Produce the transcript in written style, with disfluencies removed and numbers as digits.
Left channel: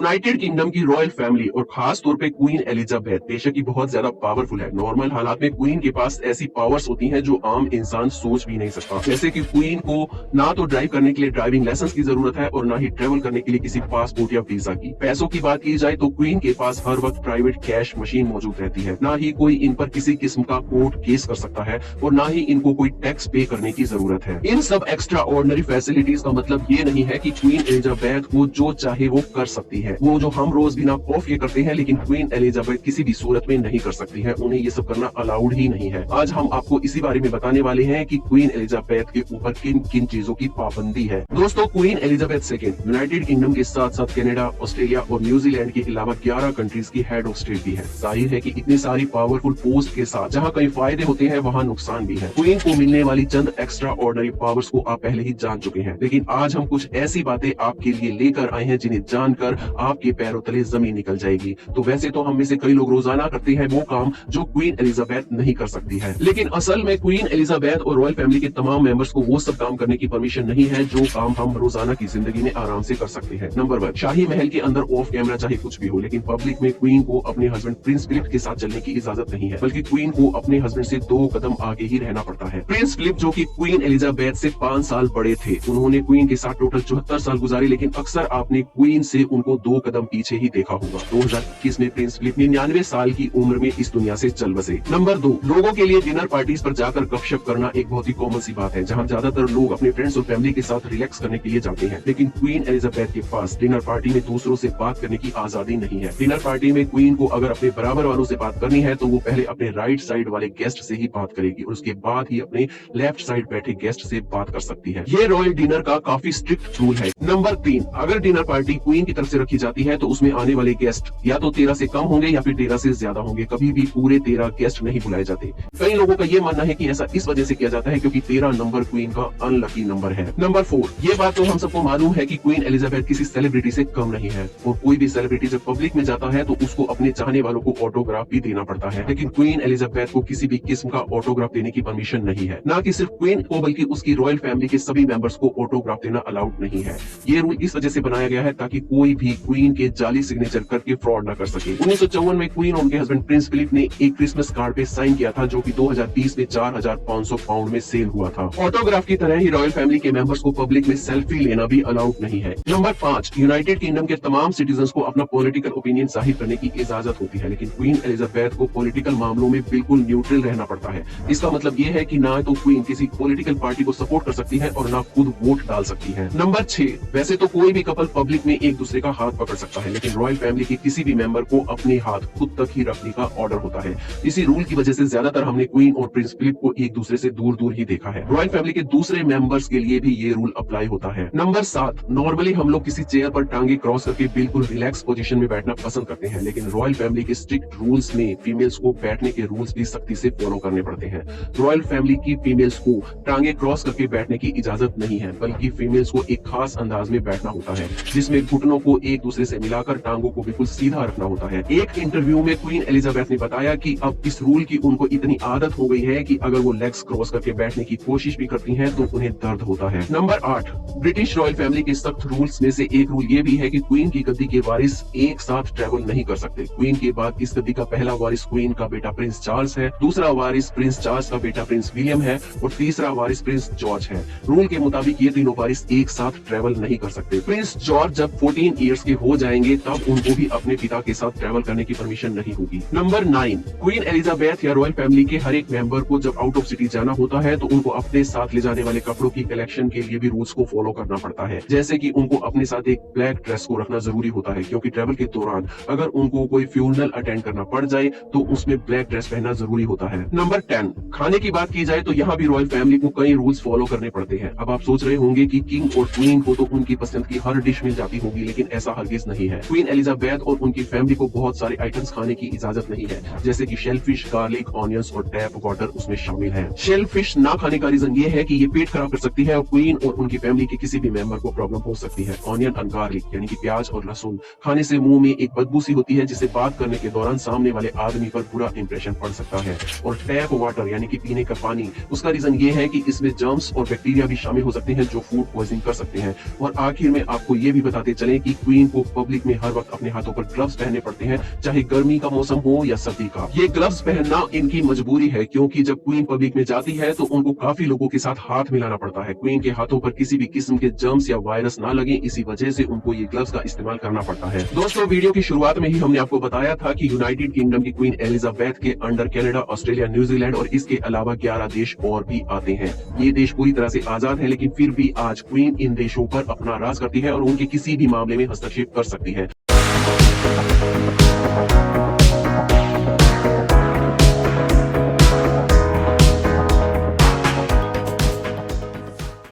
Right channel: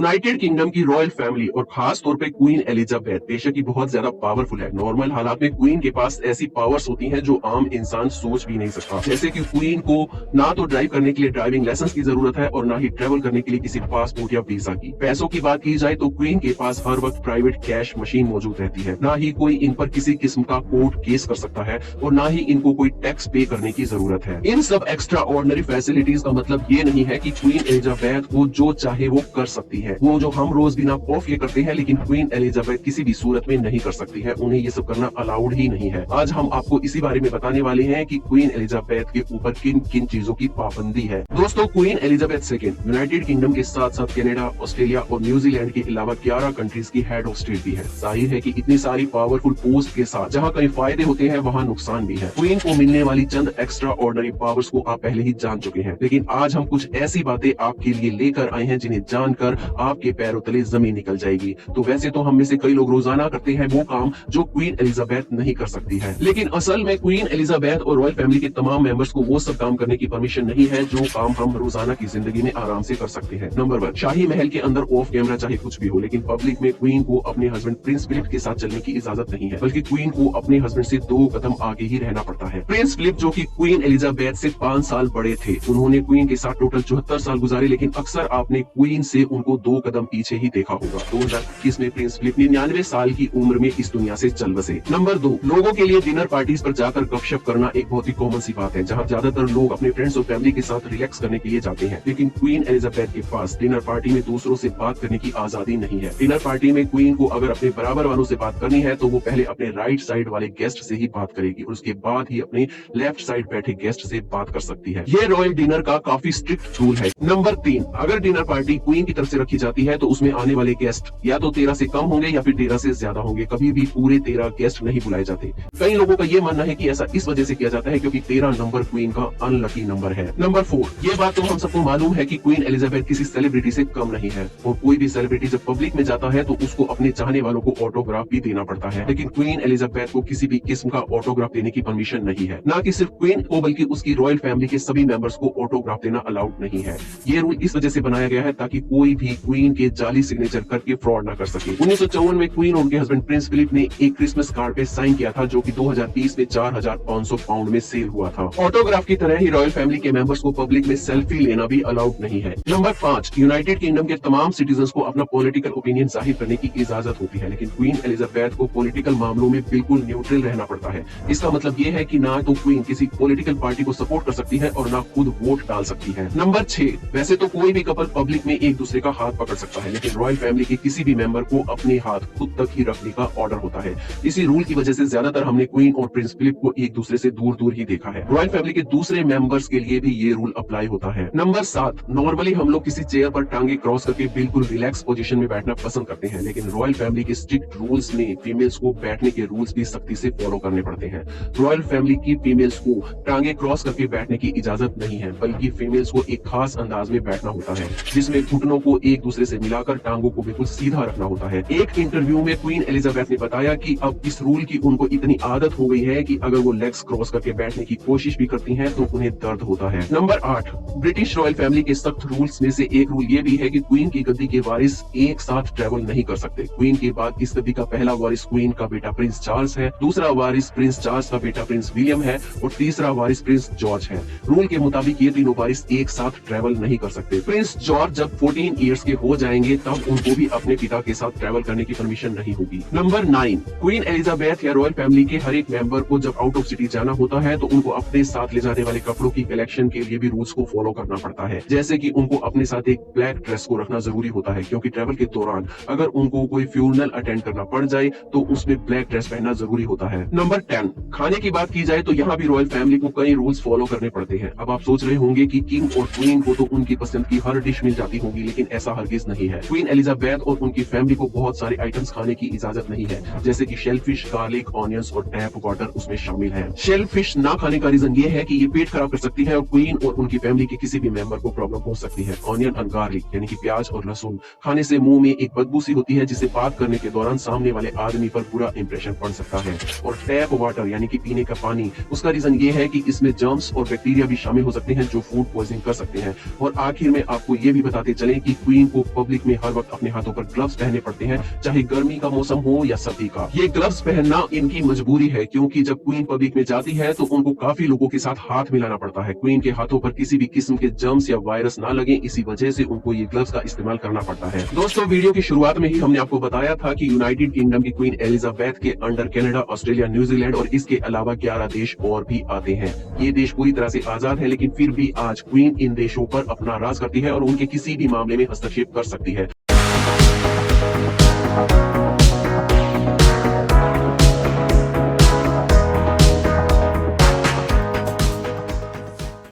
United kingdom की royal family और खास तौर पे क्वीन एलिजाबेथ बेशक ही बहुत ज्यादा पावरफुल है। नॉर्मल हालात में क्वीन के पास ऐसी पावर्स होती हैं जो आम इंसान सोच भी नहीं सकता। जैसे कि क्वीन को ना तो ड्राइव करने के लिए ड्राइविंग लाइसेंस की जरूरत है और ना ही ट्रेवल करने के लिए किसी पासपोर्ट या वीजा की। पैसों की बात की जाए तो क्वीन के पास हर वक्त प्राइवेट कैश मशीन मौजूद रहती है। ना ही कोई इन पर किसी किस्म का कोर्ट केस कर सकता है और ना ही इनको कोई टैक्स पे करने की जरूरत है। इन सब एक्स्ट्रा ऑर्डिनरी फैसिलिटीज का मतलब ये नहीं है कि क्वीन एलिजाबेथ को जो चाहे वो कर सकती है। वो जो हम रोज बिना खौफ ये करते हैं, लेकिन क्वीन एलिजाबेथ किसी भी सूरत में नहीं कर सकती है। उन्हें ये सब करना अलाउड ही नहीं है। आज हम आपको इसी बारे में बताने वाले हैं कि क्वीन एलिजाबेथ के ऊपर किन किन चीजों की पाबंदी है। दोस्तों, queen Elizabeth second United kingdom के साथ साथ कनाडा, ऑस्ट्रेलिया और न्यूजीलैंड के अलावा 11 कंट्रीज की हेड ऑफ स्टेट भी है। जाहिर है कि इतनी सारी पावरफुल पोस्ट के साथ जहाँ कई फायदे होते हैं वहाँ नुकसान भी है। क्वीन को मिलने वाली चंद एक्स्ट्रा ऑर्डिनरी पावर्स को आप पहले ही जान चुके हैं, लेकिन आज हम कुछ ऐसी बातें आपके लिए लेकर आए हैं जिन्हें जानकर आपके पैरों तले जमीन निकल जाएगी। तो वैसे तो हम में से कई लोग रोजाना करते हैं वो काम जो क्वीन एलिजाबेथ नहीं कर सकती है, लेकिन असल में क्वीन एलिजाबेथ और रॉयल फैमिली के तमाम मेंबर्स को वो सब काम करने की परमिशन नहीं है जो काम हम रोजाना की जिंदगी में आराम से कर सकते हैं। नंबर 1, शाही महल के अंदर ऑफ कैमरा चाहे कुछ भी हो, लेकिन पब्लिक में क्वीन को अपने हस्बैंड प्रिंस फिलिप के साथ चलने की इजाजत नहीं है, बल्कि क्वीन को अपने हस्बैंड से 2 कदम आगे ही रहना पड़ता है। प्रिंस फिलिप जो कि क्वीन एलिजाबेथ से 5 साल बड़े थे, उन्होंने क्वीन के साथ टोटल 74 साल गुजारे, लेकिन अक्सर आपने क्वीन से उनको 2 कदम पीछे ही देखा होगा। 2021 में प्रिंस फिलिप 99 साल की उम्र में इस दुनिया से चल बसे। नंबर 2, लोगों के लिए डिनर पार्टीज पर जाकर गपशप करना एक बहुत ही कॉमन सी बात है, जहां ज्यादातर लोग अपने फ्रेंड्स और फैमिली के साथ रिलैक्स करने के लिए जाते हैं। लेकिन क्वीन एलिजाबेथ के पास डिनर पार्टी में दूसरों से बात करने की आजादी नहीं है। डिनर पार्टी में क्वीन को अगर अपने बराबर वालों से बात करनी है तो वो पहले अपने राइट साइड वाले गेस्ट से ही बात करेगी और उसके बाद ही अपने लेफ्ट साइड बैठे गेस्ट से बात कर सकती है। ये रॉयल डिनर का काफी स्ट्रिक्ट रूल है। नंबर 3, अगर डिनर पार्टी क्वीन की तरफ से रखी जाती है तो उसमें आने वाले गेस्ट या तो 13 से कम होंगे या फिर 13 से ज्यादा होंगे। कभी भी पूरे 13 गेस्ट नहीं बुलाए जाते। कई लोगों का ये मानना है कि ऐसा इस वजह से किया जाता है क्योंकि 13 नंबर क्वीन का अनलकी नंबर है। नंबर 4, ये बात तो हम सबको मालूम है कि क्वीन एलिजाबेथ किसी सेलिब्रिटी से कम नहीं है और कोई भी सेलिब्रिटी जब पब्लिक में जाता है तो उसको अपने चाहने वालों को ऑटोग्राफ भी देना पड़ता है, लेकिन क्वीन एलिजाबेथ को किसी भी किस्म का ऑटोग्राफ देने की परमिशन नहीं है। ना कि सिर्फ क्वीन को बल्कि उसकी रॉयल फैमिली के सभी मेंबर्स को ऑटोग्राफ देना अलाउड नहीं है। ये रूल इस वजह से बनाया गया है ताकि कोई भी क्वीन के जाली सिग्नेचर करके फ्रॉड न कर सके। 1954 में क्वीन और उनके हस्बैंड प्रिंस फिलिप ने एक क्रिसमस कार्ड पे साइन किया था जो कि 2020 में 4500 पाउंड में सेल हुआ था। ऑटोग्राफ की तरह ही रॉयल फैमिली के मेंबर्स को पब्लिक में सेल्फी लेना भी अलाउड नहीं है। नंबर 5, यूनाइटेड किंगडम के तमाम सिटीजन्स को अपना पॉलिटिकल ओपिनियन जाहिर करने की इजाजत होती है, लेकिन क्वीन एलिजाबेथ को पॉलिटिकल मामलों में बिल्कुल न्यूट्रल रहना पड़ता है। इसका मतलब ये है कि ना तो क्वीन किसी पॉलिटिकल पार्टी को सपोर्ट कर सकती है और ना खुद वोट डाल सकती है। नंबर 6, वैसे तो कोई भी कपल पब्लिक में एक दूसरे का हाथ पकड़ सकता है, लेकिन रॉयल फैमिली के किसी भी मेंबर को अपने हाथ खुद तक ही रखने का ऑर्डर होता है। इसी रूल की वजह से ज्यादातर हमने क्वीन और प्रिंस फिलिप को एक दूसरे से दूर दूर ही देखा है। रॉयल फैमिली के दूसरे मेंबर्स के लिए भी ये रूल अप्लाई होता है। नंबर 7, नॉर्मली हम लोग किसी चेयर पर टांगे क्रॉस करके बिल्कुल रिलैक्स पोजीशन में बैठना पसंद करते हैं, लेकिन रॉयल फैमिली के स्ट्रिक्ट रूल्स में फीमेल्स को बैठने के रूल्स भी सख्ती से फॉलो करने पड़ते हैं। रॉयल फैमिली की फीमेल्स को टांगे क्रॉस करके बैठने की इजाजत नहीं है, बल्कि फीमेल्स को एक खास अंदाज में बैठना होता है जिसमें घुटनों को एक दूसरे से मिलाकर टांगों को बिल्कुल सीधा रखना होता है। एक इंटरव्यू में क्वीन एलिजाबेथ ने बताया कि अब इस रूल की उनको इतनी आदत हो गई है कि अगर वो लेग्स क्रॉस करके बैठने की कोशिश भी करती हैं तो उन्हें दर्द होता है। नंबर 8, ब्रिटिश रॉयल फैमिली के सख्त रूल्स में से एक रूल ये भी है कि क्वीन की गद्दी के वारिस एक साथ ट्रेवल नहीं कर सकते। क्वीन के बाद इस गद्दी का पहला वारिस क्वीन का बेटा प्रिंस चार्ल्स है, दूसरा वारिस प्रिंस चार्ल्स का बेटा प्रिंस विलियम है और तीसरा वारिस प्रिंस जॉर्ज है। रूल के मुताबिक ये तीनों वारिस एक साथ ट्रेवल नहीं कर सकते। प्रिंस जॉर्ज जब 14 ईयर्स के हो जाएंगे तब उनको भी अपने पिता के साथ ट्रेवल करने की परमिशन नहीं होगी। नंबर 9, क्वीन एलिजाबेथ या रॉयल फैमिली के हर एक मेंबर को जब आउट ऑफ सिटी जाना होता है तो उनको अपने साथ ले जाने वाले कपड़ों की कलेक्शन के लिए भी रूल्स को फॉलो करना पड़ता है। जैसे कि उनको अपने साथ एक ब्लैक ड्रेस को रखना जरूरी होता है क्योंकि ट्रेवल के दौरान अगर उनको कोई फ्यूनरल अटेंड करना पड़ जाए तो उसमें ब्लैक ड्रेस पहनना जरूरी होता है। नंबर 10, खाने की बात की जाए तो यहाँ भी रॉयल फैमिली को कई रूल्स फॉलो करने पड़ते हैं। अब आप सोच रहे होंगे कि किंग और क्वीन को तो उनकी पसंद की हर डिश मिल जाती होगी, लेकिन ऐसा हरगिज नहीं है। क्वीन एलिजाबेथ और उनकी फैमिली को बहुत सारे आइटम्स खाने की इजाजत नहीं है, जैसे कि शेलफिश, गार्लिक, ऑनियंस और टैप वाटर उसमें शामिल है। शेलफिश ना खाने का रीजन ये है कि ये पेट खराब कर सकती है और क्वीन और उनकी फैमिली के किसी भी मेंबर को प्रॉब्लम हो सकती है। ऑनियन एंड गार्लिक यानी कि प्याज और लहसुन खाने से मुंह में एक बदबू सी होती है जिससे बात करने के दौरान सामने वाले आदमी पर बुरा इंप्रेशन पड़ सकता है। और टैप वाटर यानी कि पीने का पानी, उसका रीजन ये है कि इसमें जर्म्स और बैक्टीरिया भी शामिल हो सकते हैं जो फूड पॉइजनिंग कर सकते हैं। और आखिर में आपको ये भी बताते चलें कि क्वीन को पब्लिक में हर वक्त अपने हाथों पर ग्लव्स पहनने पड़ते हैं, चाहे गर्मी का मौसम हो या सर्दी का। ये ग्लव्स पहनना इनकी मजबूरी है, क्योंकि जब क्वीन पब्लिक में जाती है तो उनको काफी लोगों के साथ हाथ मिलाना पड़ता है। क्वीन के हाथों पर किसी भी किस्म के जर्म्स या वायरस ना लगे, इसी वजह से उनको ये ग्लव्स का इस्तेमाल करना पड़ता है। दोस्तों, वीडियो की शुरुआत में ही हमने आपको बताया था कि यूनाइटेड किंगडम की क्वीन एलिजाबेथ के अंडर कनाडा, ऑस्ट्रेलिया, न्यूजीलैंड और इसके अलावा 11 देश और भी आते हैं। ये देश पूरी तरह से आजाद है, लेकिन फिर भी आज क्वीन इन देशों पर अपना राज करती है और उनके किसी भी मामले में हस्तक्षेप कर सकती है।